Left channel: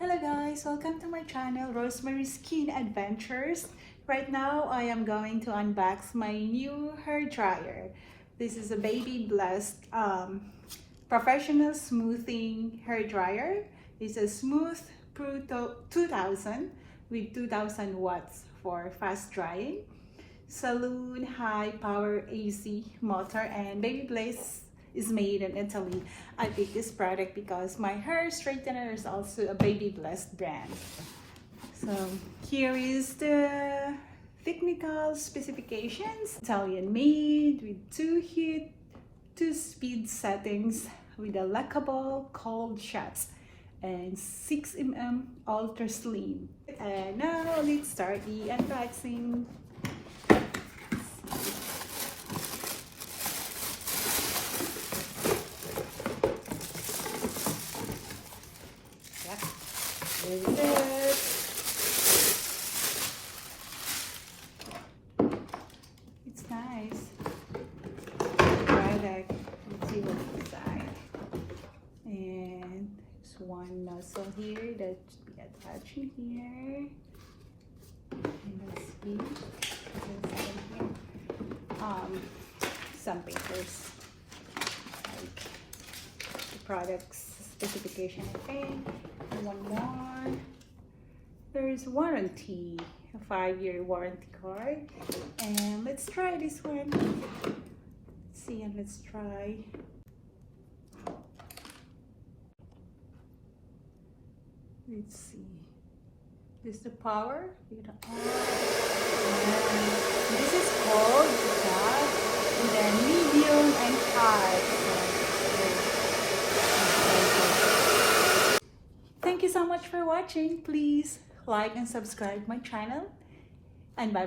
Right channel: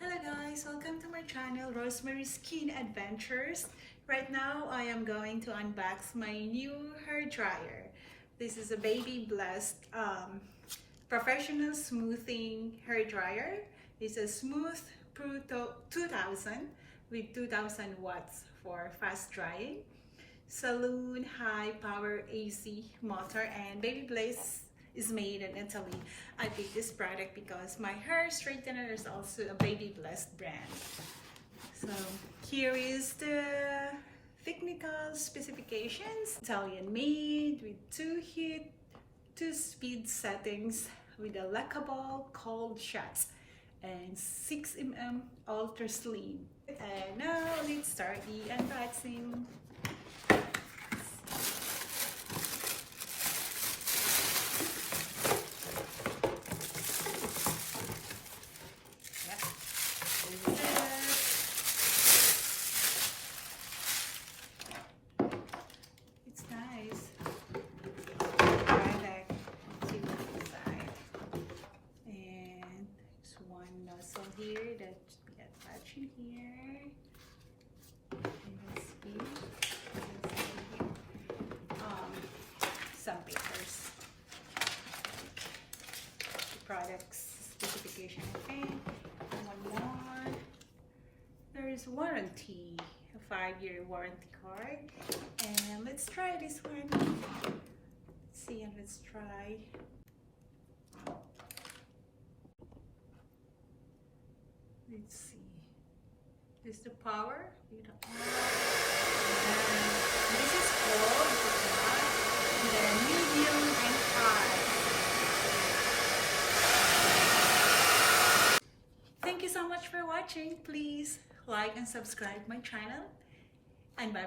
Hello guys, welcome to my channel, Rosemary Skin Adventures. Right now I am going to unbox my new hair dryer. This is a Babybliss professional smoothing hair dryer. It's a Smooth Pro 2000 with 2000 watts for fast drying, saloon high power AC motor, and Babybliss is made in Italy. I picked this product because my hair straightener is also a Babybliss brand. So here is the technical specifications. Italian made with 2 heat, 2 speed settings with a lockable cold shots and 6 mm ultra slim. And now let's start the unboxing. There we go. It's nice. Let's see what's inside. And there's one nozzle here that we attach in here. And let's see. Some papers. The products specification thing. One more. There's warranty, a 5-year warranty card. And let's try this one. Let's see, and let's try. Let's see. This is the power. This is cold, with a medium and high. Thank you so much for watching. Please like and subscribe my channel, and bye bye.